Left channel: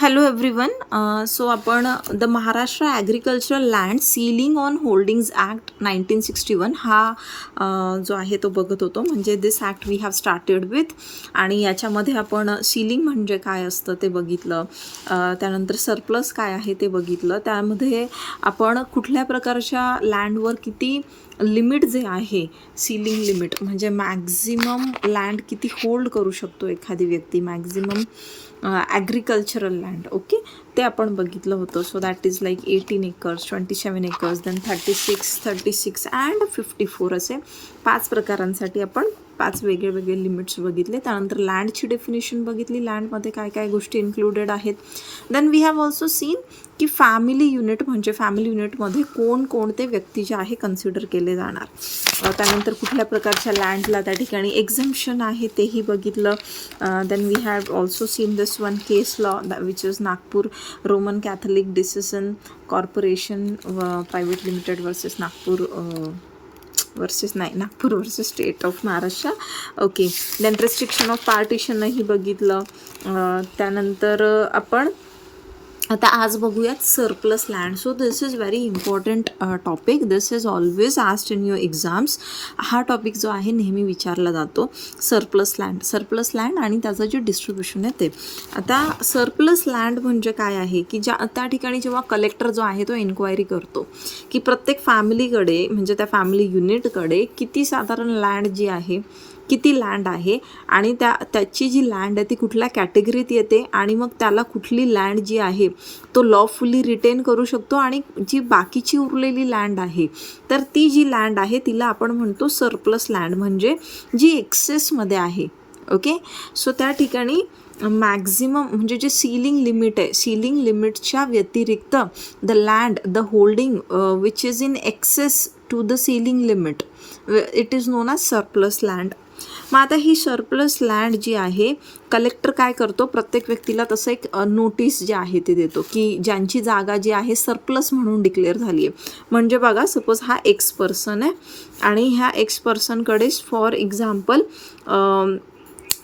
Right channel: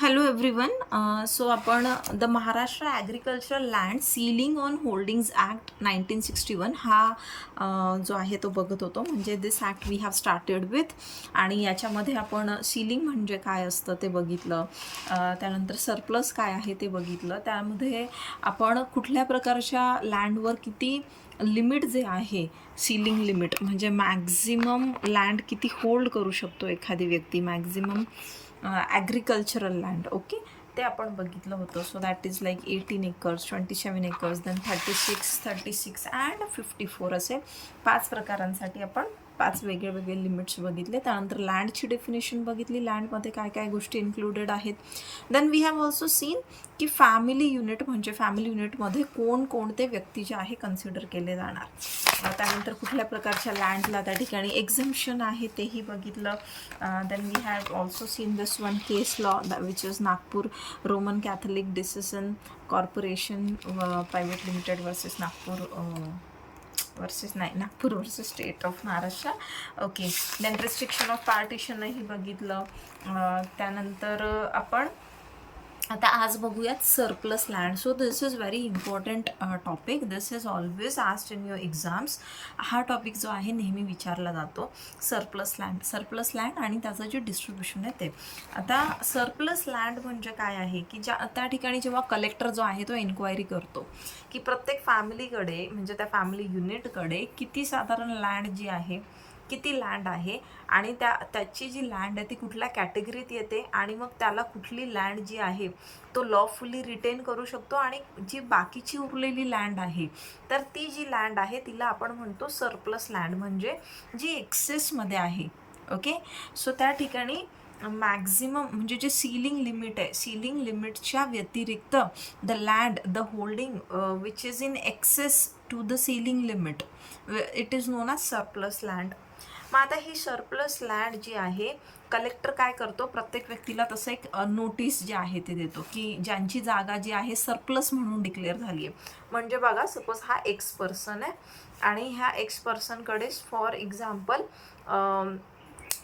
Hello everyone. So आपण the Maharashtra agricultural land ceiling on holdings act 1961 हा जो आहे तो बघत होतो. म्हणजे this act we have started with, आणि याच्यामध्ये आपण सीलिंग म्हणजे काय असतं ते बघितलं. त्यानंतर सरप्लस काय आहे ते बघितलं. त्यामध्ये आपण कुठल्या प्रकारच्या लँडवर किती लिमिट जे आहे, सीलिंग लिमिट म्हणजे मॅक्झिमम लँड किती होल्ड करू शकतो एखादी व्यक्ती, मॅक्झिमम ॲग्रिकल्चरल लँड, ओके, ते आपण बघितलं होतं. So that is like 18 acres, 27 acres, then 36 and 54 असे 5 प्रकारांसाठी आपण 5 वेगळे वेगळे लिमिट्स बघितले. त्यानंतर लँडची डेफिनेशन बघितली, लँडमध्ये काय काय गोष्टी इन्क्लुडेड आहेत. Then we have also seen की फॅमिली युनिट म्हणजे फॅमिली युनिटमध्ये कोणते व्यक्ती जे आहे कन्सिडर केले जाणार. त्यानंतर कुठल्या प्रकारच्या लँडला त्या ठिकाणी एक्झम्पशन आहे तेही बघितलं. Then we have also seen this one case law which is Nagpur Roman Catholic decision corporation private limited versus Nagpur versus state of Maharashtra, okay. Then restriction of पार्टिशनही बघितलं. त्यानंतर आपण आता आज बघूयात surplus land. So this is very important topic. This is always asked in your exams. हा topic जो आहे नेहमी विचारला जातो, सरप्लस लँड आणि त्याचं जे डिस्ट्रीब्युशन आहे ते. आता सरप्लस लँड म्हणजे काय आहे की त्या ठिकाणी जेव्हा कलेक्टर जो आहे तो एन्क्वायरी करतो की प्रत्येक फॅमिलीकडे म्हणजे त्या फॅमिली युनिटकडे किती साधारण लँड जी आहे, किती लँड आहे आणि त्याची जी लँड आहे ती कुठल्या कॅटेगरीत येते आणि मग त्याला कुठली लँड जी आहे तो लॉफुली रिटेन करू शकतो आणि जी बाकीची उरलेली लँड आहे तर ती जी लँड आहे तिला आपण म्हणतो सरप्लस लँड, म्हणजे जी एक्सेसमध्ये आहे, ओके. सो त्या ठिकाणी मॅक्झिमम म्हणजे जे सीलिंग लिमिट आहे, सीलिंग लिमिटच्या व्यतिरिक्त the land the holding which is in excess to the ceiling limit it is known as surplus land. मग आता ही सरप्लस लँड जी आहे कलेक्टर काय करतो, प्रत्येक व्यक्तीला तसं एक नोटीस जे आहे ते देतो की ज्यांची जागा जी आहे सरप्लस म्हणून डिक्लेअर झाली आहे. म्हणजे बघा, सपोज हा एक्स पर्सन आहे आणि ह्या एक्स पर्सनकडे for example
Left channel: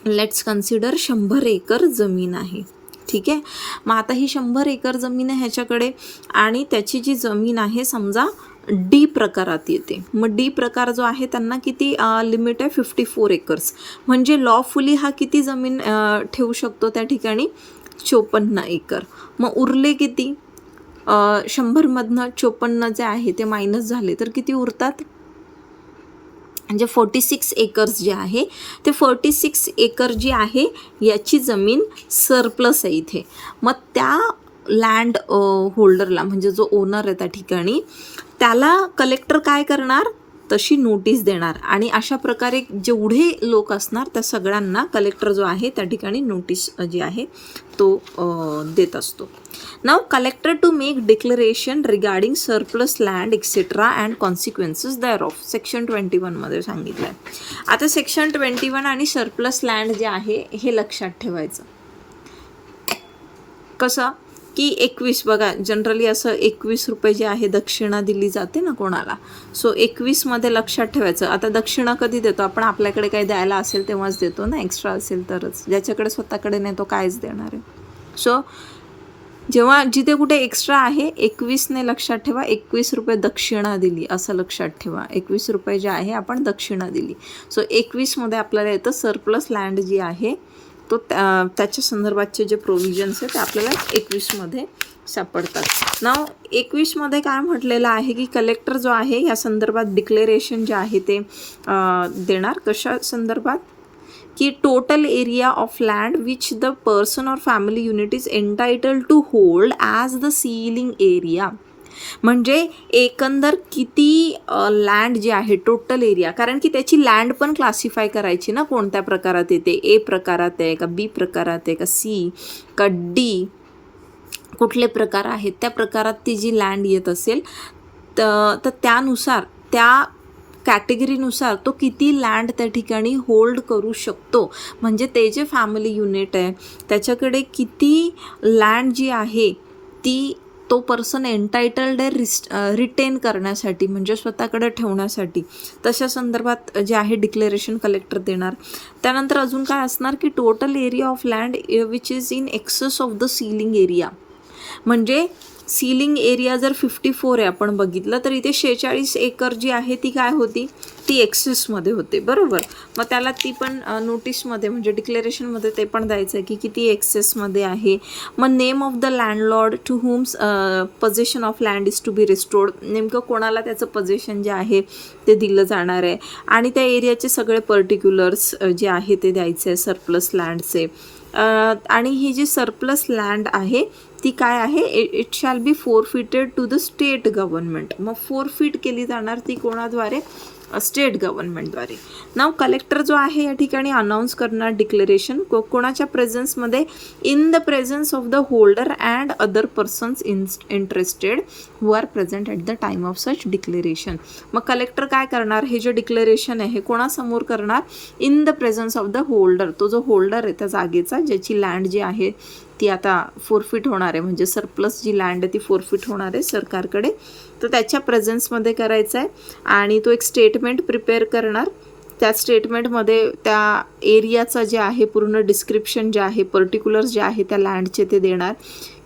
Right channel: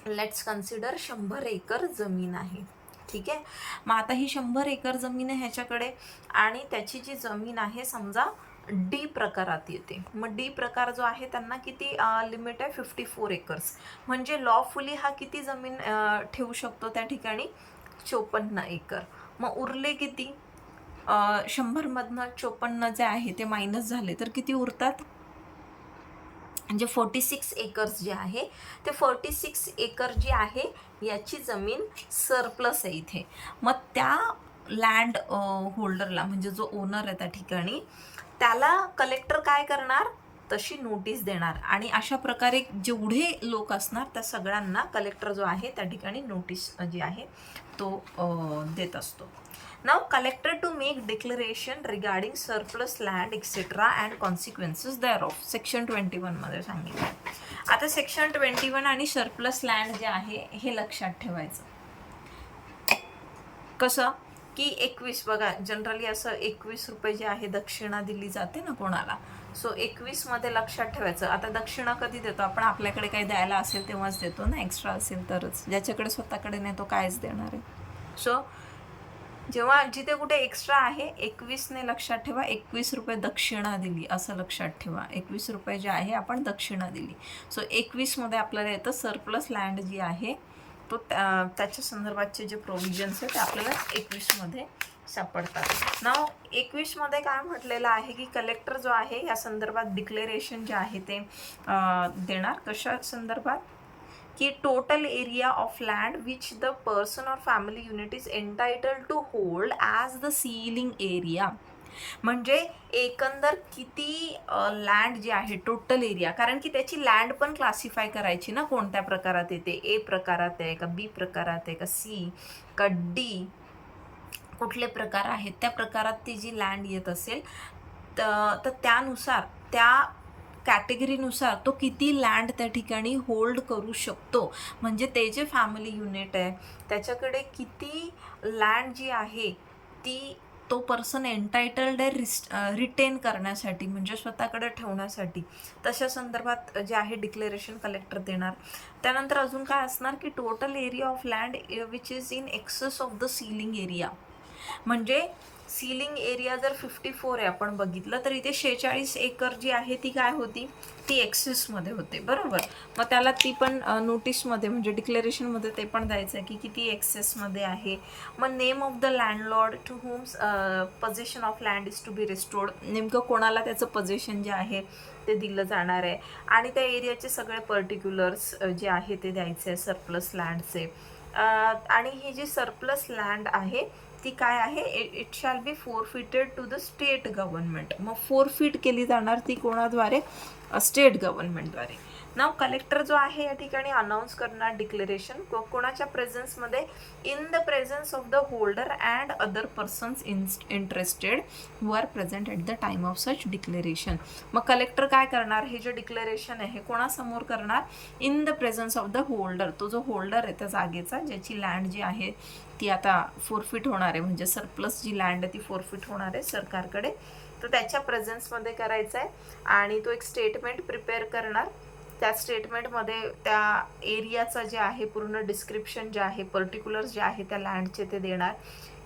let's consider 100 acre जमीन आहे, ठीक आहे. मग आता ही 100 एकर जमीन आहे ह्याच्याकडे आणि त्याची जी जमीन आहे समजा डी प्रकारात येते. मग डी प्रकार जो आहे त्यांना किती लिमिट आहे, 54 एकर्स. म्हणजे लॉफुली हा किती जमीन ठेवू शकतो त्या ठिकाणी, 54 एकर. मग उरले किती, 100मधनं 54 जे आहे ते मायनस झाले तर किती उरतात, म्हणजे 46 एकर्स जे आहे ते 46 एकर जी आहे याची जमीन सरप्लस आहे इथे. मग त्या लँड होल्डरला म्हणजे जो ओनर आहे त्या ठिकाणी त्याला कलेक्टर काय करणार, तशी नोटीस देणार आणि अशा प्रकारे जेवढे लोक असणार त्या सगळ्यांना कलेक्टर जो आहे त्या ठिकाणी नोटीस जी आहे तो देत असतो. नाव collector to make declaration regarding surplus land etcetera and consequences thereof section 21मध्ये सांगितलं आहे. आता सेक्शन 21 आणि सरप्लस लँड जे आहे हे लक्षात ठेवायचं. कसं की 21 बघा, जनरली असं 21 रुपये जे आहे दक्षिणा दिली जाते ना कोणाला. सो 21मध्ये लक्षात ठेवायचं. आता दक्षिणा कधी देतो आपण, आपल्याकडे काही द्यायला असेल तेव्हाच देतो ना, एक्स्ट्रा असेल तरच. ज्याच्याकडे स्वतःकडे नाही तो कायच देणार आहे. सो जेव्हा जिथे कुठे एक्स्ट्रा आहे 21ने लक्षात ठेवा 21 रुपये दक्षिणा दिली असं लक्षात ठेवा. 21 रुपये जे आहे आपण दक्षिणा दिली. सो 21मध्ये आपल्याला येतं सरप्लस लँड जी आहे तो त्याच्या संदर्भातचे जे प्रोव्हिजन्स आहेत ते आपल्याला 21मध्ये सापडतात. नाव 21मध्ये काय म्हटलेलं आहे की कलेक्टर जो आहे या संदर्भात डिक्लेरेशन जे आहे ते देणार. कशा संदर्भात की total area of land which the person और family unit is entitled to hold as the ceiling area. म्हणजे एकंदर किती लँड जे आहे टोटल एरिया, कारण की त्याची लँड पण क्लासिफाय करायची ना, कोणत्या प्रकारात येते, ए प्रकारात आहे का, बी प्रकारात आहे का, सी का डी, कुठले प्रकार आहेत त्या प्रकारात ती जी लँड येत असेल तर त्यानुसार त्या कॅटेगरीनुसार तो किती लँड त्या ठिकाणी होल्ड करू शकतो. म्हणजे ते जे फॅमिली युनिट आहे त्याच्याकडे किती लँड जी आहे ती तो पर्सन एंटायटल्ड आहे रिटेन करण्यासाठी, म्हणजे स्वतःकडे ठेवण्यासाठी. तशा संदर्भात जे आहे डिक्लेरेशन कलेक्टर देणार. त्यानंतर अजून काय असणार की total area of land which is in access of the ceiling area. म्हणजे सीलिंग एरिया जर 54 आहे आपण बघितलं, तर इथे 46 एकर जी आहे ती काय होती, ती एक्सेसमध्ये होते, बरोबर. मग त्याला ती पण नोटीसमध्ये म्हणजे डिक्लेरेशनमध्ये ते पण द्यायचं आहे की किती एक्सेसमध्ये आहे. मग name of the landlord to whom possession of land is to be restored, नेमकं कोणाला त्याचं पोझेशन जे आहे ते दिलं जाणार आहे. आणि त्या एरियाचे सगळे पर्टिक्युलर्स जे आहे ते द्यायचे आहे सरप्लस लँडचे. आणि ही जी सरप्लस लँड आहे ती काय आहे, it shall be forfeited to the state government. मग फोरफिट केली जाणार ती कोणाद्वारे, स्टेट गव्हर्नमेंटद्वारे. नाव कलेक्टर जो आहे या ठिकाणी अनाऊन्स करणार डिक्लेरेशन कोणाच्या प्रेझेन्समध्ये, in the presence of the holder and other persons interested who are present at the time of such declaration. मग कलेक्टर काय करणार, हे जे डिक्लेरेशन आहे कोणासमोर करणार, in the presence of the holder, तो जो होल्डर आहे त्या जागेचा, ज्याची लँड जी आहे ती आता फोरफिट होणार आहे, म्हणजे सरप्लस जी लँड आहे ती फोरफिट होणार आहे सरकारकडे, तर त्याच्या प्रेझेन्समध्ये करायचं आहे. आणि तो एक स्टेटमेंट प्रिपेअर करणार. त्या स्टेटमेंटमध्ये त्या एरियाचं जे आहे पूर्ण डिस्क्रिप्शन जे आहे, पर्टिक्युलर्स जे आहे त्या लँडचे ते देणार.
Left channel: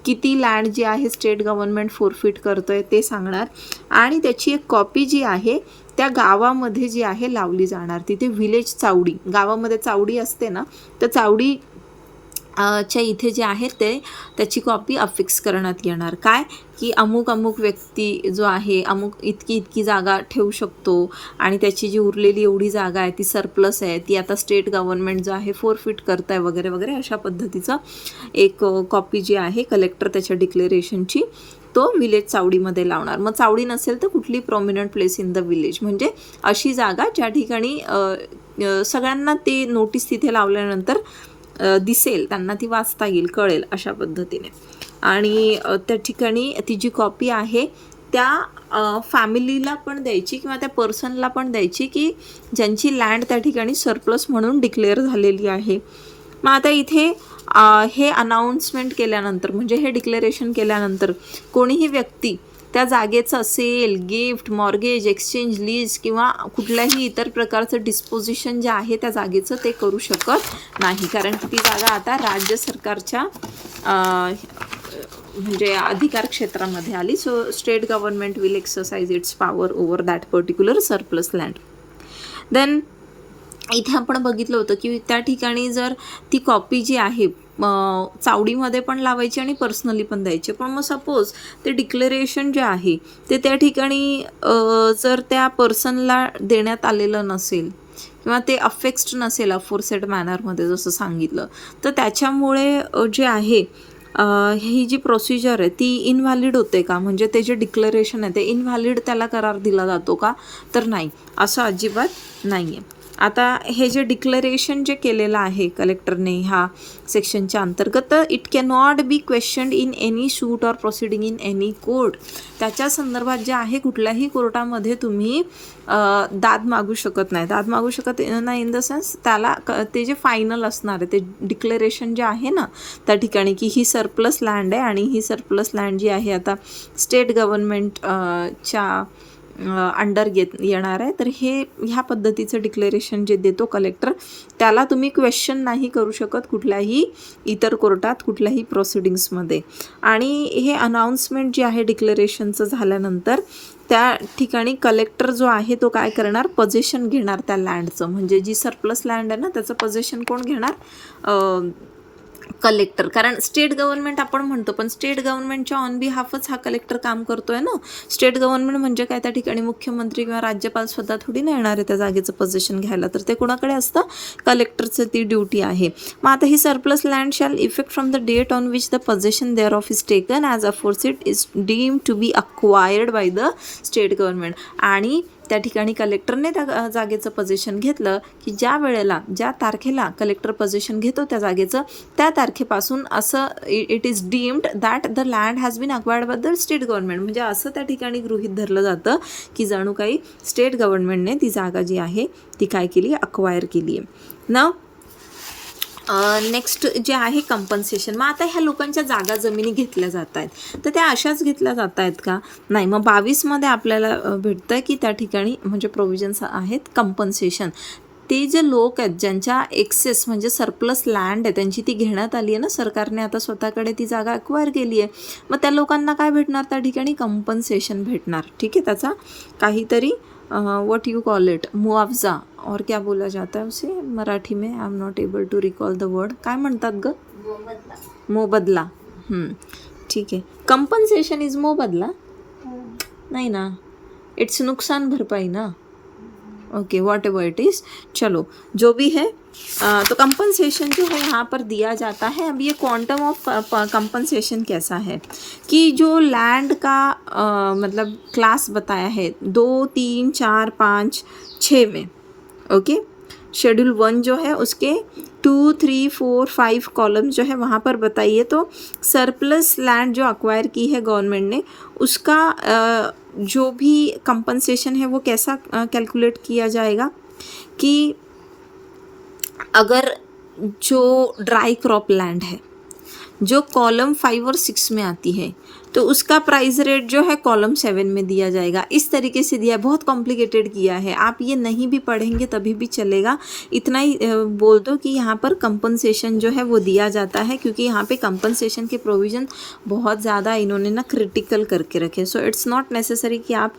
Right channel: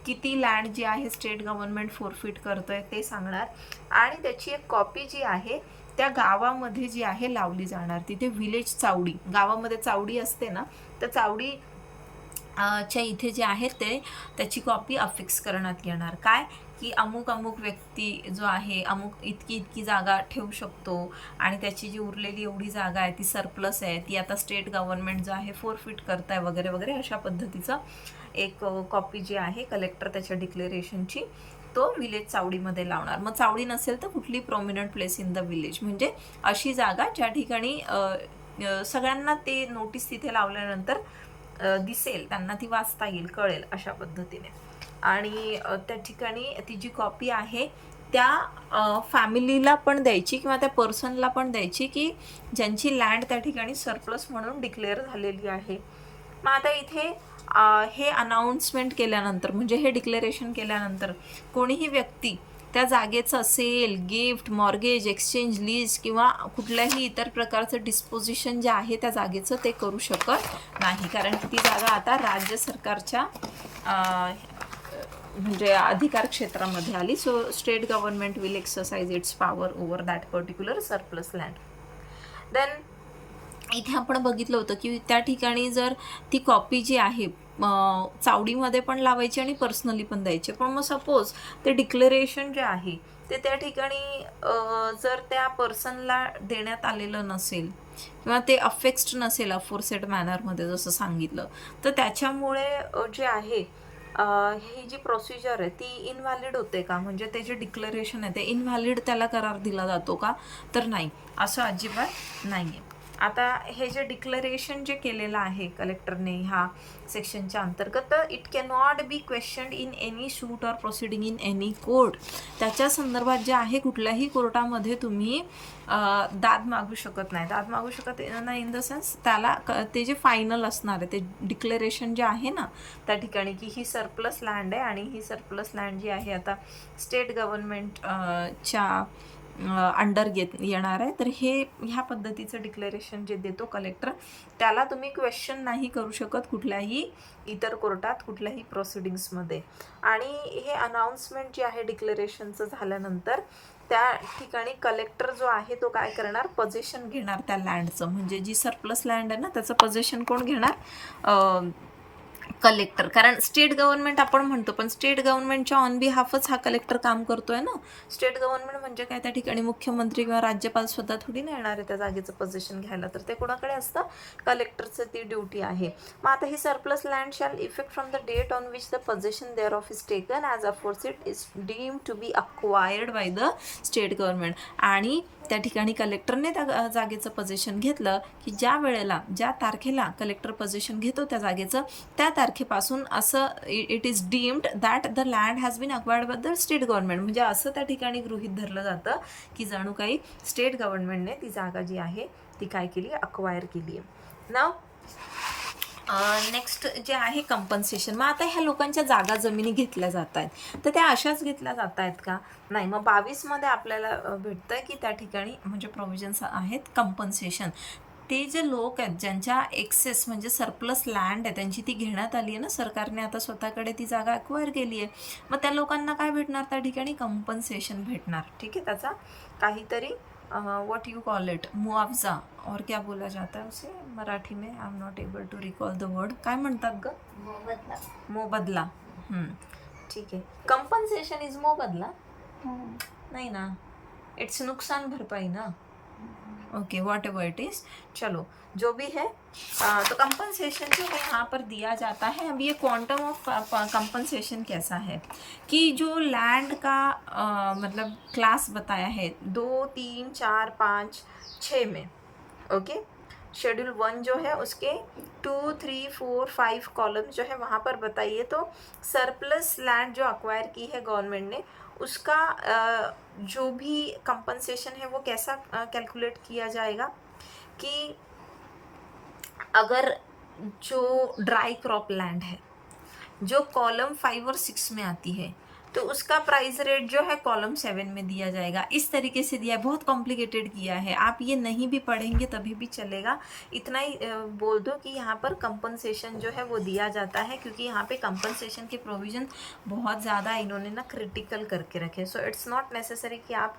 किती लँड जी आहे स्टेट गव्हर्नमेंट फोरफिट करतं आहे ते सांगणार. आणि त्याची एक कॉपी जी आहे त्या गावामध्ये जी आहे लावली जाणार. तिथे व्हिलेज चावडी, गावामध्ये चावडी असते ना, तर चावडी च्या इथे जे आहे ते त्याची कॉपी अफिक्स करण्यात येणार. काय की अमुक अमुक व्यक्ती जो आहे अमुक इतकी जागा ठेवू शकतो आणि त्याची जी उरलेली एवढी जागा आहे ती सरप्लस आहे, ती आता स्टेट गव्हर्नमेंट जो आहे फोरफिट करत आहे वगैरे वगैरे, अशा पद्धतीचं एक कॉपी जी आहे कलेक्टर त्याच्या डिक्लेरेशनची तो विलेज चावडीमध्ये लावणार. मग चावडी नसेल तर कुठली prominent place in the village, म्हणजे अशी जागा ज्या ठिकाणी सगळ्यांना ते नोटीस तिथे लावल्यानंतर दिसेल, त्यांना ती वाचता येईल, कळेल, अशा पद्धतीने. आणि त्या ठिकाणी ती जी कॉपी आहे त्या फॅमिलीला पण द्यायची किंवा त्या पर्सनला पण द्यायची की ज्यांची लँड त्या ठिकाणी सरप्लस म्हणून डिक्लेअर झालेली आहे. मग आता इथे हे अनाऊन्समेंट केल्यानंतर, म्हणजे हे डिक्लेरेशन केल्यानंतर कोणीही व्यक्ती त्या जागेचं sale, gift, mortgage, exchange, lease किंवा कुठल्याही इतर प्रकारचं डिस्पोजिशन जे आहे त्या जागेचं ते करू शकत नाही, कारण ती जागा आता राज्य सरकारच्या म्हणजे अधिकार क्षेत्रामध्ये आली. So state government will exercise its power over that particular surplus land. Then इथे आपण बघितलं होतं की त्या ठिकाणी जर ती कॉपी जी आहे चावडीमध्ये पण लावायची आणि पर्सनली पण द्यायची. पण मग सपोज ते डिक्लेरेशन जे आहे ते त्या ठिकाणी जर त्या पर्सनला देण्यात आलेलं नसेल किंवा ते अफेक्स्ड नसेल अफोरसेड मॅनरमध्ये जसं सांगितलं, तर त्याच्यामुळे जे आहे ही जी प्रोसिजर आहे ती इनव्हॅलिड होते का, म्हणजे ते जे डिक्लेरेशन आहे ते इनव्हॅलिड त्याला करार दिला जातो का, तर नाही, असं अजिबात नाही आहे. आता हे जे डिक्लेरेशन जे केलेलं आहे कलेक्टरने ह्या सेक्शनच्या अंतर्गत, तर it cannot be questioned in any suit or proceeding in any court. त्याच्या संदर्भात जे आहे कुठल्याही कोर्टामध्ये तुम्ही दाद मागू शकत नाही. दाद मागू शकत नाही इन द सेन्स त्याला ते जे फायनल असणार आहे ते डिक्लेरेशन जे आहे ना त्या ठिकाणी की ही सरप्लस लँड आहे आणि ही सरप्लस लँड जी आहे आता स्टेट गव्हर्नमेंटच्या अंडर येणार आहे, तर हे ह्या पद्धतीचं डिक्लेरेशन जे देतो कलेक्टर त्याला तुम्ही क्वेश्चन नाही करू शकत कुठल्याही इतर कोर्टात कुठल्याही प्रोसिडिंग्समध्ये. आणि हे अनाऊन्समेंट जे आहे डिक्लेरेशनचं झाल्यानंतर त्या ठिकाणी कलेक्टर जो आहे तो काय करणार, पोझेशन घेणार त्या लँडचं, म्हणजे जी सरप्लस लँड आहे ना त्याचं पोझेशन कोण घेणार, कलेक्टर. कारण स्टेट गव्हर्नमेंट आपण म्हणतो पण स्टेट गव्हर्नमेंटच्या ऑन बिहाफच हा कलेक्टर काम करतोय ना. स्टेट गव्हर्नमेंट म्हणजे काय, त्या ठिकाणी मुख्यमंत्री किंवा राज्यपाल स्वतः थोडी नाही येणार आहे त्या जागेचं पोझिशन घ्यायला, तर ते कोणाकडे असतं, कलेक्टरचं ती ड्युटी आहे. मग आता ही surplus land shall effect from the date on which the position thereof is taken as aforesaid is deem to be acquired by the state government. आणि त्या ठिकाणी कलेक्टरने त्या जागेचं पोझिशन घेतलं की ज्या वेळेला ज्या तारखेला कलेक्टर पोझिशन घेतो त्या जागेचं त्या तारखेपासून असं it is deemed that the land has been acquired by the state government, म्हणजे असं त्या ठिकाणी गृहीत धरलं जातं की जणू काही स्टेट गव्हर्नमेंटने ती जागा जी आहे ती काय केली, अक्वायर केली आहे. नाव नेक्स्ट जे आहे कंपन्सेशन. मग आता ह्या लोकांच्या जागा जमिनी घेतल्या जात आहेत, तर त्या अशाच घेतल्या जात आहेत का? नाही. मग 22मध्ये आपल्याला भेटतं की त्या ठिकाणी म्हणजे प्रोव्हिजन्स आहेत कंपन्सेशन. ते जे लोक आहेत ज्यांच्या एक्सेस म्हणजे सरप्लस लँड आहे, त्यांची ती घेण्यात आली आहे ना सरकारने, आता स्वतःकडे ती जागा अक्वायर केली आहे, मग त्या लोकांना काय भेटणार त्या ठिकाणी? कंपन्सेशन भेटणार. ठीक आहे. त्याचा काहीतरी व्हाट यू कॉल इट, मुआवजा और क्या बोला जाता है उसे मराठी में? I am not able to recall the word. काय म्हणतात ग? मोबदला. ठीक आहे. कंपन्सेशन इज मोबदला? नाही ना, इट्स नुकसान भरपाई ना. Okay, what ever it is. चलो जो भी है, तो कंपनसेशन जो है यहाँ पर दिया जाता है. अब ये क्वांटम ऑफ कंपनसेशन कैसा है कि जो लैंड का मतलब क्लास बताया है 2, 3, 4, 5, 6 में. ओके. शेड्यूल 1 जो है उसके 2, 3, 4, 5 कॉलम जो है वहाँ पर बताइए. तो सरप्लस लैंड जो अक्वायर की है गवर्नमेंट ने, उसका जो भी कंपनसेशन है वो कैसा कैलकुलेट किया जाएगा कि अगर जो ड्राई क्रॉप लैंड है जो कॉलम 5 और 6 में आती है, तो उसका प्राइस रेट जो है कॉलम 7 में दिया जाएगा. इस तरीके से दिया है. बहुत कॉम्प्लिकेटेड किया है. आप ये नहीं भी पढ़ेंगे तभी भी चलेगा. इतना ही बोल दो कि यहाँ पर कंपनसेशन जो है वो दिया जाता है, क्योंकि यहाँ पे कंपनसेशन के प्रोविज़न बहुत ज़्यादा इन्होंने ना क्रिटिकल करके रखे. सो इट्स नॉट नेसेसरी कि आप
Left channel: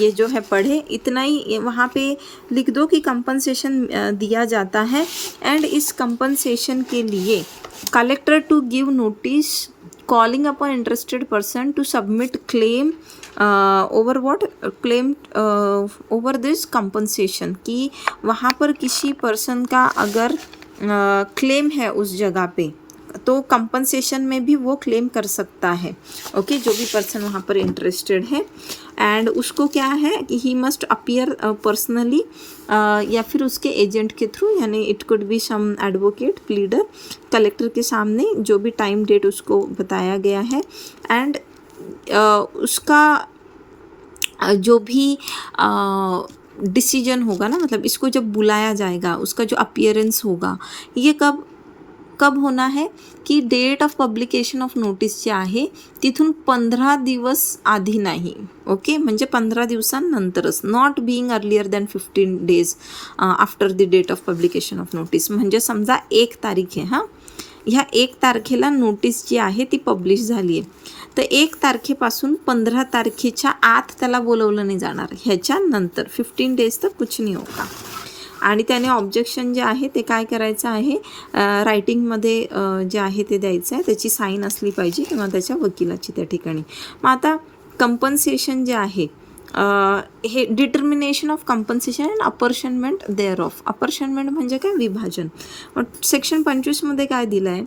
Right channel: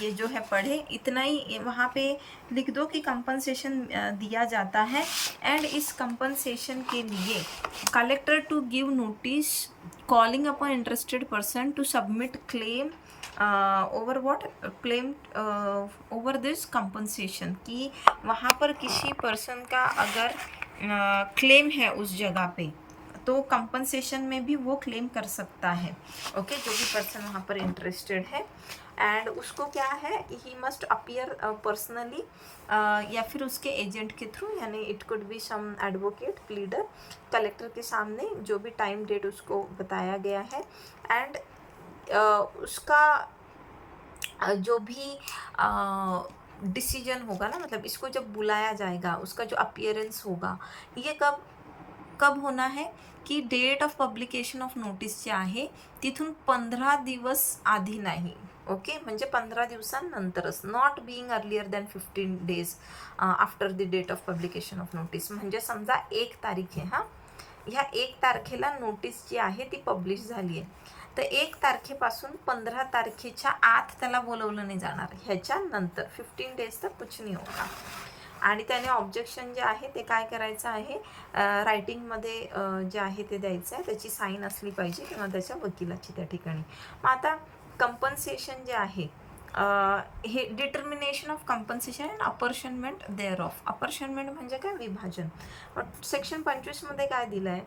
ये जो है पढ़े. इतना ही वहाँ पे लिख दो कि कंपनसेशन दिया जाता है. एंड इस कंपनसेशन के लिए collector to give notice calling upon interested person to submit claim over what claim over this compensation. कि वहाँ पर किसी पर्सन का अगर क्लेम है उस जगह पे, तो कंपनसेशन में भी वो क्लेम कर सकता है. ओके. जो भी पर्सन वहाँ पर इंटरेस्टेड है, एंड उसको क्या है कि ही मस्ट अपीयर पर्सनली या फिर उसके एजेंट के थ्रू, यानी it could be some advocate, pleader, collector के सामने जो भी टाइम डेट उसको बताया गया है. एंड उसका जो भी डिसीजन होगा ना, मतलब इसको जब बुलाया जाएगा, उसका जो अपीयरेंस होगा, ये कब होना है की date of publication of notice जे आहे तिथून 15 दिवस आधी नाही. ओके. म्हणजे 15 दिवसांनंतरच. Not being earlier than 15 days after the date of publication of notice. म्हणजे समजा 1 तारीख आहे. हां, ह्या 1 तारखेला नोटीस जी आहे ती पब्लिश झाली आहे, तर 1 तारखेपासून 15 तारखेच्या आत त्याला बोलवलं नाही जाणार. ह्याच्यानंतर 15 days तर कुछ नाही होगा. आणि त्याने ऑब्जेक्शन जे आहे ते काय करायचं आहे, रायटिंगमध्ये जे आहे ते द्यायचं आहे. त्याची साईन असली पाहिजे किंवा त्याच्या वकिलाची त्या ठिकाणी. मग आता कंपन्सेशन जे आहे हे determination of compensation and apportionment thereof. Apportionment म्हणजे काय? विभाजन. मग सेक्शन 25मध्ये काय दिलं आहे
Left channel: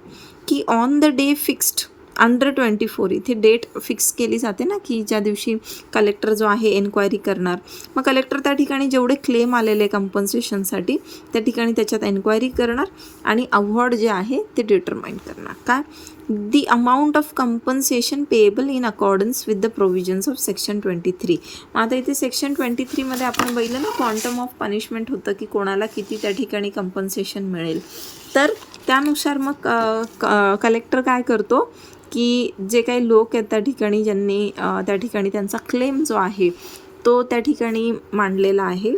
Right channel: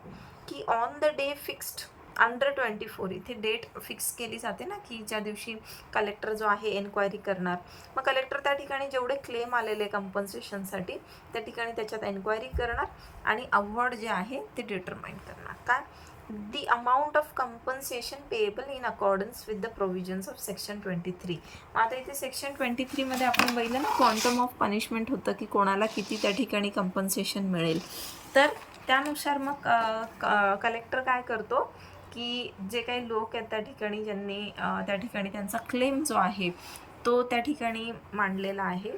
की on the day fixed under 24, इथे डेट फिक्स केली जाते ना, की ज्या दिवशी कलेक्टर जो आहे एन्क्वायरी करणार. मग कलेक्टर त्या ठिकाणी जेवढे क्लेम आलेले कंपन्सेशनसाठी त्या ठिकाणी त्याच्यात एन्क्वायरी करणार आणि अवॉर्ड जे आहे ते डिटरमाइन करणार. काय? The amount of compensation payable in accordance with the provisions of section 23. आता इथे सेक्शन 23मध्ये आपण बघितलं ना, क्वांटम ऑफ पनिशमेंट होतं की कोणाला किती त्या ठिकाणी कंपन्सेशन मिळेल. तर त्यानुसार मग कलेक्टर काय करतो की जे काही लोक आहेत त्या ठिकाणी ज्यांनी त्या ठिकाणी त्यांचा क्लेम जो आहे तो त्या ठिकाणी मांडलेला आहे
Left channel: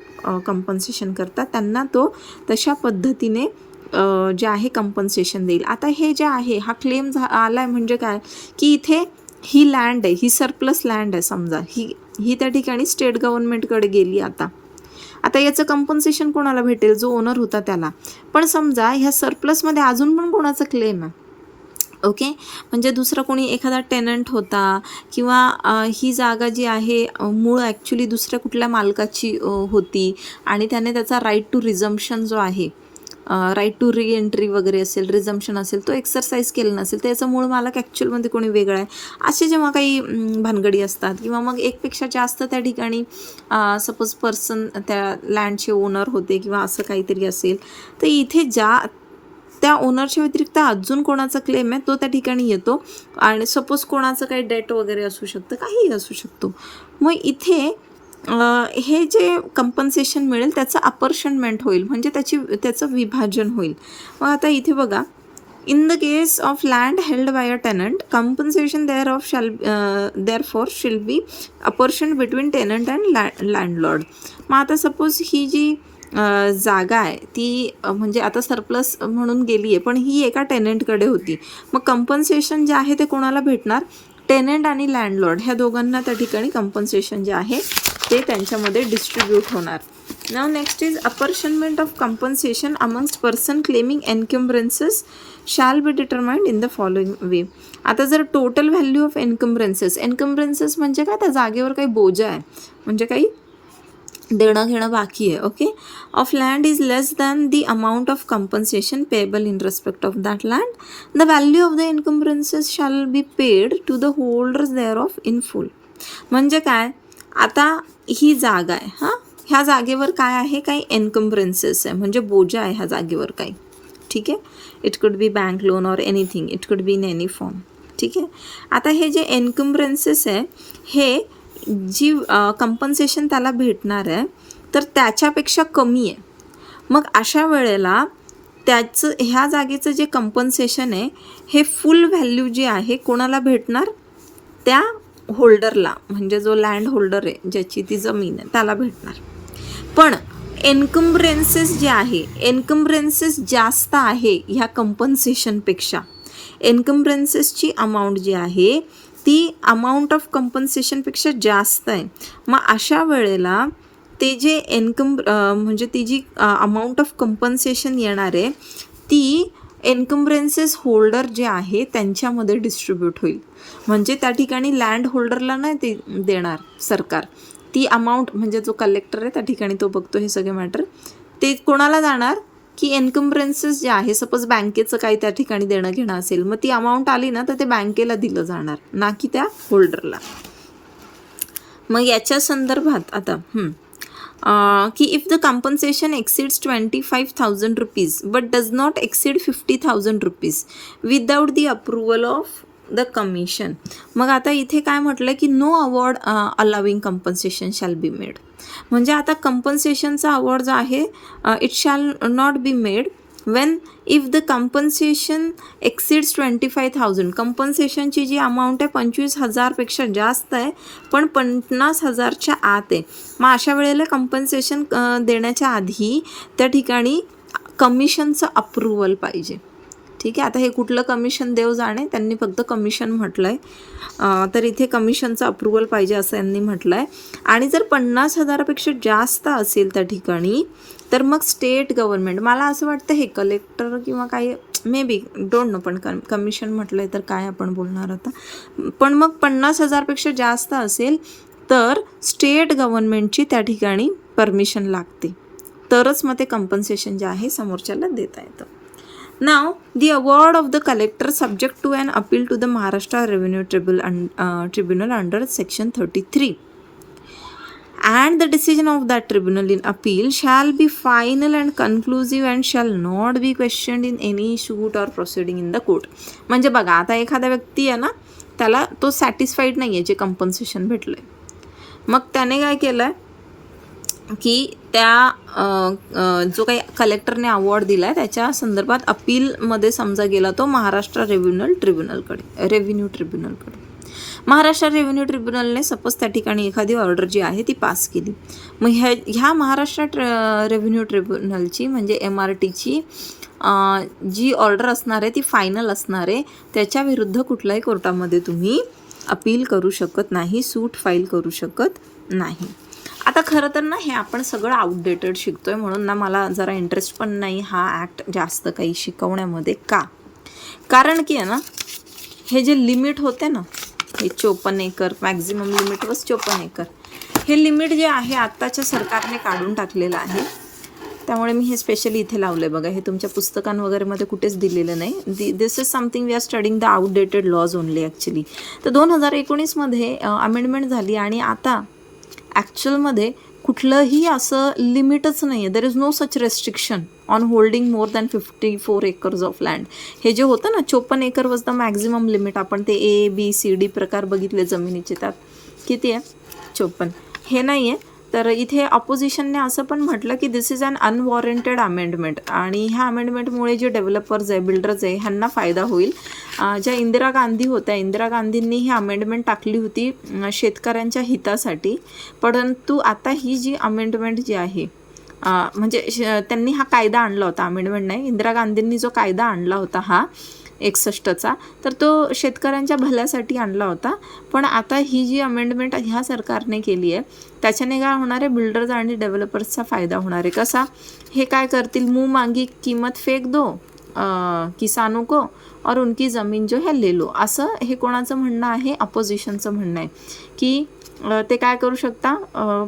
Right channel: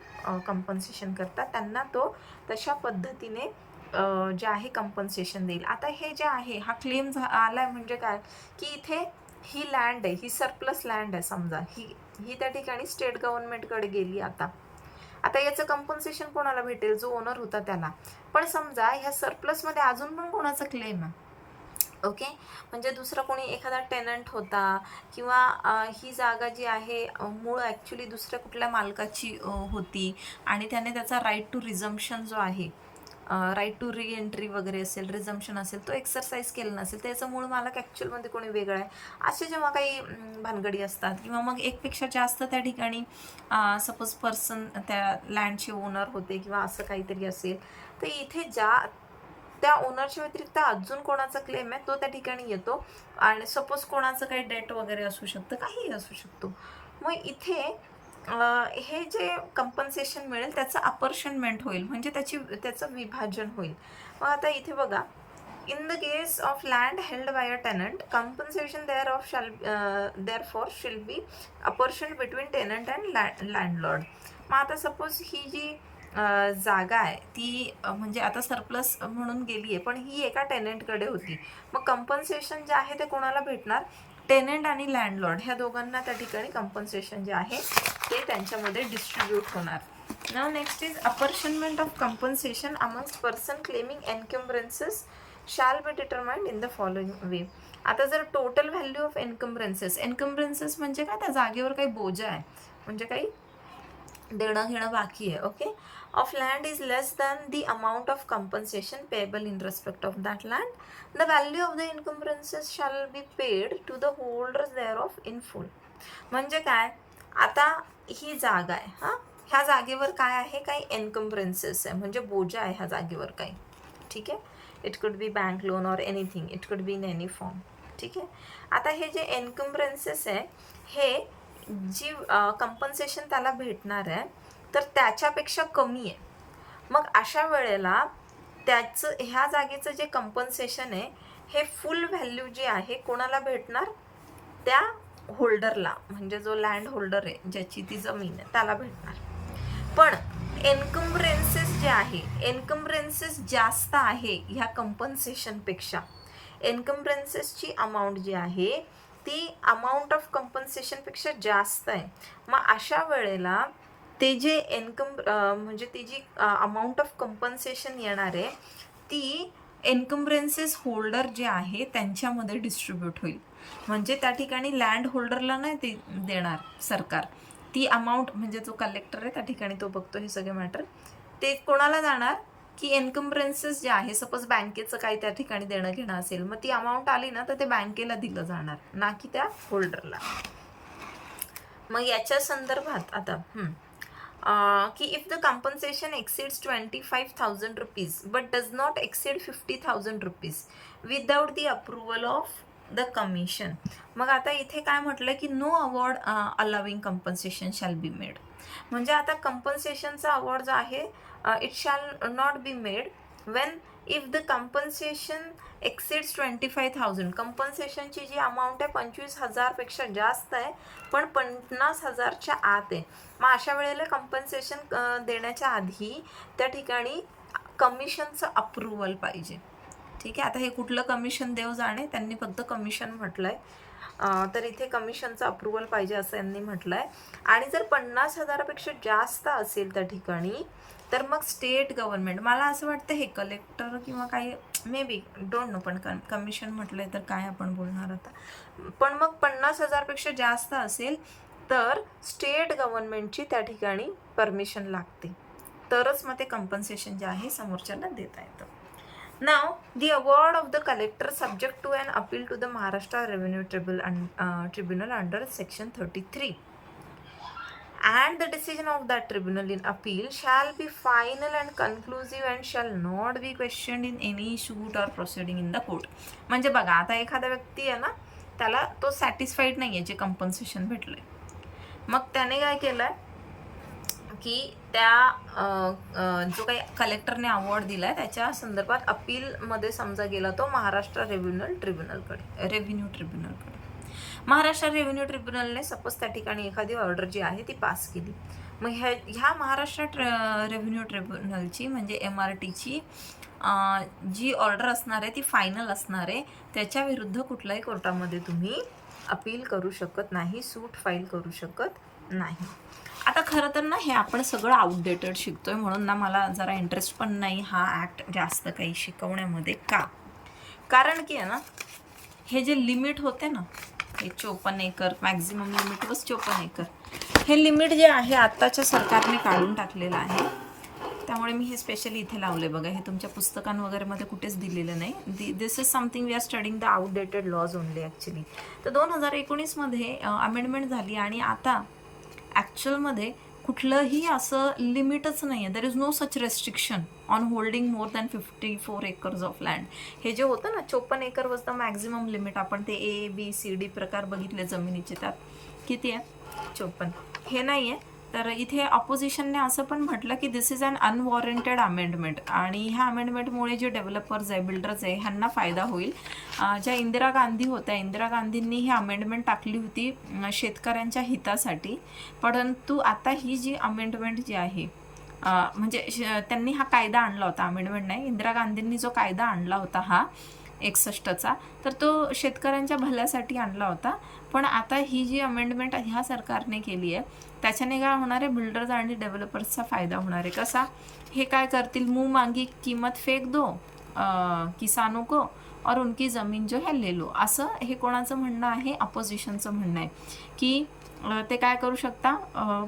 कंपन्सेशन करता, त्यांना तो तशा पद्धतीने जे आहे कंपन्सेशन देईल. आता हे जे आहे हा क्लेम आला आहे म्हणजे काय की इथे ही लँड आहे, ही सरप्लस लँड आहे समजा, ही त्या ठिकाणी स्टेट गव्हर्नमेंटकडे गेली. आता याचं कंपन्सेशन कोणाला भेटेल? जो ओनर होता त्याला. पण समजा ह्या सरप्लसमध्ये अजून पण कोणाचा क्लेम आहे. ओके. म्हणजे दुसरा कोणी एखादा टेनंट होता किंवा ही जागा जी आहे मूळ ॲक्च्युली दुसऱ्या कुठल्या मालकाची होती आणि त्याने त्याचा राईट टू रिझम्पशन जो आहे, राईट टू री एंट्री वगैरे असेल, रिझम्पशन असेल, तो एक्सरसाइज केला नसेल, त्याचा मूळ मालक ॲक्च्युअलमध्ये कोणी वेगळा आहे, असे जेव्हा काही भानगडी असतात किंवा मग एकपेक्षा जास्त त्या ठिकाणी सपोज पर्सन त्या लँडचे ओनर होते किंवा असं काहीतरी असेल, तर इथे त्या ओनरच्या व्यतिरिक्त अजून कोणाचा क्लेम आहे तो त्या ठिकाणी येतो. आणि सपोज कोणाचं काही डेट वगैरे असू शकतं, काहीही असू शकतो. मग इथे हे जे कंपन्सेशन मिळेल त्याचं अपॉर्शनमेंट होईल, म्हणजे त्याचं विभाजन होईल. मग आता इथे बघा, in the case of land held by a tenant, compensation therefore shall be apportioned between tenant and landlord. मग आता सपोज ही जी जागा आहे ती म्हणजे आता सरप्लस म्हणून गेली आहे, पण ही एका टेनंटकडे होती. मग कंपन्सेशन जे आहे ते कोणाला भेटणार? टेनंट आणि लँडलॉर्ड ह्या दोघांना त्या ठिकाणी कंपन्सेशन जे आहे ते त्यांच्यामध्ये डिस्ट्रीब्यूट होणार. नाव next is apportionment of compensation amongst person claiming encumbrances shall be determined in the following way. आता जर टोटल व्हॅल्यू ऑफ एन्कम्ब्रन्सेस म्हणजे काय, त्या जागेवर काही बोजा आहे, म्हणजे काही देणं घेणं बाकी आहे, okay, of land is less than the amount of compensation payable in respect of that land, the value of the encumbrances shall be paid to the holders thereof in full. म्हणजे काय, आता ही जागा आहे, हां, ह्या जागेवर काय आहे, काही एन्कम्ब्रन्सेस आहे, म्हणजे बोजा आहे ह्या जागेवर काही, ठीक आहे. It could B bank loan or anything, it could be in any form, ठीक आहे. आता हे जे एन्कम्ब्रन्सेस आहे हे जी कंपन्सेशन त्याला भेटणार आहे तर त्याच्यापेक्षा कमी आहे. मग अशा वेळेला ह्या जागेचं जे कंपन्सेशन आहे हे फुल व्हॅल्यू जी आहे कोणाला भेटणार? त्या होल्डरला, म्हणजे जो लँड होल्डर आहे ज्याची ती जमीन आहे त्याला भेटणार. पण एन्कम्ब्रन्सेस जे आहे, एन्कम्ब्रन्सेस जास्त आहे ह्या कंपन्सेशनपेक्षा. एन्कम्ब्रन्सेसची अमाऊंट जी आहे ती अमाऊंट ऑफ कंपन्सेशनपेक्षा जास्त आहे. मग अशा वेळेला ते जे म्हणजे ती जी अमाऊंट ऑफ कंपन्सेशन येणार आहे ती एन्कम्ब्रन्सेस होल्डर जे आहे त्यांच्यामध्ये डिस्ट्रीब्यूट होईल. म्हणजे त्या ठिकाणी लँड होल्डरला नाही ते देणार सरकार, ती अमाऊंट म्हणजे जो कलेक्टर आहे त्या ठिकाणी तो बघतो हे सगळे मॅटर, ते कोणाला जाणार की एन्कम्ब्रन्सेस जे आहे, सपोज बँकेचं काही त्या ठिकाणी देणं घेणं असेल, मग ती अमाऊंट आली ना तर ते बँकेला दिलं जाणार, ना की त्या होल्डरला. मग याच्या संदर्भात आता की if the compensation exceeds 25,000 rupees but does not exceed 50,000 rupees without the approval of the commission. मग आता इथे काय म्हटलं की no award allowing compensation shall be made. म्हणजे आता कंपन्सेशनचा अवॉर्ड जो आहे it shall not be made when if the compensation exceeds 25,000. कंपन्सेशनची जी अमाऊंट आहे 25,000पेक्षा जास्त आहे पण 50,000च्या आत आहे. मग अशा वेळेला कंपन्सेशन देण्याच्या आधी त्या ठिकाणी कमिशनचं अप्रुव्हल पाहिजे, ठीक आहे. आता हे कुठलं कमिशन देव जाणे, त्यांनी फक्त कमिशन म्हटलं आहे, तर इथे कमिशनचं अप्रुव्हल पाहिजे असं यांनी म्हटलं आहे. आणि जर 50,000पेक्षा जास्त असेल त्या ठिकाणी तर मग स्टेट गव्हर्नमेंट, मला असं वाटतं हे कलेक्टर किंवा काही मे बी डोंट नो, पण कमिशन म्हटलं आहे तर काय आपण बोलणार आता. पण मग 50,000पेक्षा जास्त असेल तर स्टेट गव्हर्नमेंटची त्या ठिकाणी परमिशन लागते, तरच मग ते कंपन्सेशन जे आहे समोरच्याला देता येतं. Now, the award of the collector subject to an appeal to the Maharashtra Revenue Tribunal under Section 33. And the decision of that tribunal in appeal shall be final and conclusive and shall not be questioned in any suit or proceeding in the court. म्हणजे बघा, आता एखादा व्यक्ती आहे ना, त्याला तो satisfied नाही आहे जे कंपन्सेशन भेटलं आहे, मग त्याने काय केलं आहे की त्या जो काही कलेक्टरने अवॉर्ड दिला आहे त्याच्या संदर्भात अपीलमध्ये समजा गेला तो महाराष्ट्र रेव्हेन्यू ट्रिब्युनलकडे. महाराष्ट्र रेव्हेन्यू ट्रिब्युनलने सपोज त्या ठिकाणी एखादी ऑर्डर जी आहे ती पास केली. मग ह्या महाराष्ट्र रेव्हेन्यू ट्रिब्युनलची म्हणजे MRTची जी ऑर्डर असणार आहे ती फायनल असणार आहे, त्याच्या विरुद्ध कुठल्याही कोर्टामध्ये तुम्ही अपील करू शकत नाही, सूट फाईल करू शकत नाही. आता खरं तर ना हे आपण सगळं आउटडेटेड शिकतो आहे, म्हणून ना मला जरा इंटरेस्ट पण नाही हा ॲक्ट जास्त काही शिकवण्यामध्ये. कारण की आहे ना हे जे लिमिट होते ना, हे 54 acre maximum limit was 54 acre, हे लिमिट जे आहे आत्ताच्या सरकारने काढून टाकलेलं आहे. त्यामुळे मी हे स्पेशली इथे लावलं आहे बघा, हे तुमच्या पुस्तकां वगैरेमध्ये कुठेच दिलेलं नाही. This is something we are studying the outdated laws only actually. तर 2019मध्ये अमेंडमेंट झाली आणि आता ॲक्च्युअलमध्ये कुठलंही असं लिमिटच नाही आहे. There is no such restriction on holding more than 54 acres of land. हे जे होतं ना 54 acre was the maximum limit. आपण ते A, B, C, D प्रकार बघितले जमिनीचे, त्यात किती आहे 54. हे नाही आहे, तर इथे ऑपोजिशनने असं पण म्हटलं की दिस इज अन अनवॉरंटेड अमेंडमेंट, आणि ह्या अमेंडमेंटमुळे जे डेव्हलपर्स आहे, बिल्डर्स आहे, ह्यांना फायदा होईल. ज्या इंदिरा गांधी होत्या, इंदिरा गांधींनी ही अमेंडमेंट टाकली होती शेतकऱ्यांच्या हितासाठी, परंतु आता ही जी अमेंडमेंट जी आहे म्हणजे त्यांनी हा कायदा आणला होता, अमेंडमेंट नाही, इंदिरा गांधींनी जो कायदा आणला होता हा 61चा, तर तो शेतकऱ्यांच्या भल्यासाठी आणला होता. पण आता ही जी अमेंडमेंट ह्या सरकारने केली आहे त्याच्याने काय होणार आहे, बिल्डर्स आणि डेव्हलपर्सचा फायदा होणार आहे. कसा, हे काय करतील, मुंह मांगी किंमत फेक दो किसानों को और उनकी ज़मीन जो है ले लो, असं हे कोणाचं म्हणणं आहे, अपोजिशनचं म्हणणं आहे की ते काय करू शकता,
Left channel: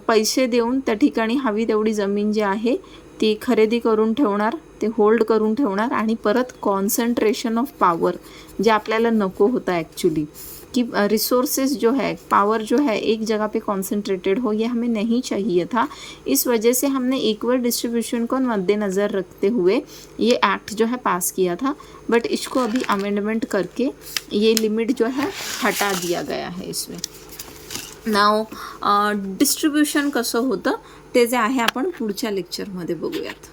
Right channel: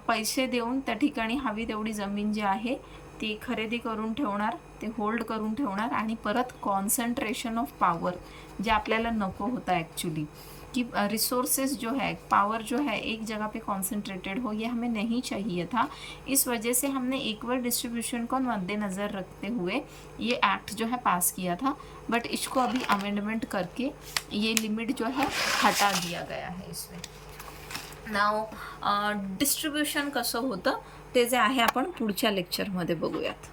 पैसे देऊन त्या ठिकाणी हवी तेवढी जमीन जी आहे ती खरेदी करून ठेवणार, ते होल्ड करून ठेवणार, आणि परत कॉन्सन्ट्रेशन ऑफ पावर जे आपल्याला नको होता ॲक्च्युली, कि रिसोर्सेज जो है, पावर जो है एक जगह पे कॉन्सेंट्रेटेड हो, ये हमें नहीं चाहिए था. इस वजह से हमने इक्वल डिस्ट्रीब्यूशन को मद्देनज़र रखते हुए ये एक्ट जो है पास किया था. बट इसको अभी अमेंडमेंट करके ये लिमिट जो है हटा दिया गया है इसमें. नाव डिस्ट्रीब्युशन कसं होतं ते जे आहे आपण पुढच्या लेक्चरमध्ये बघूयात.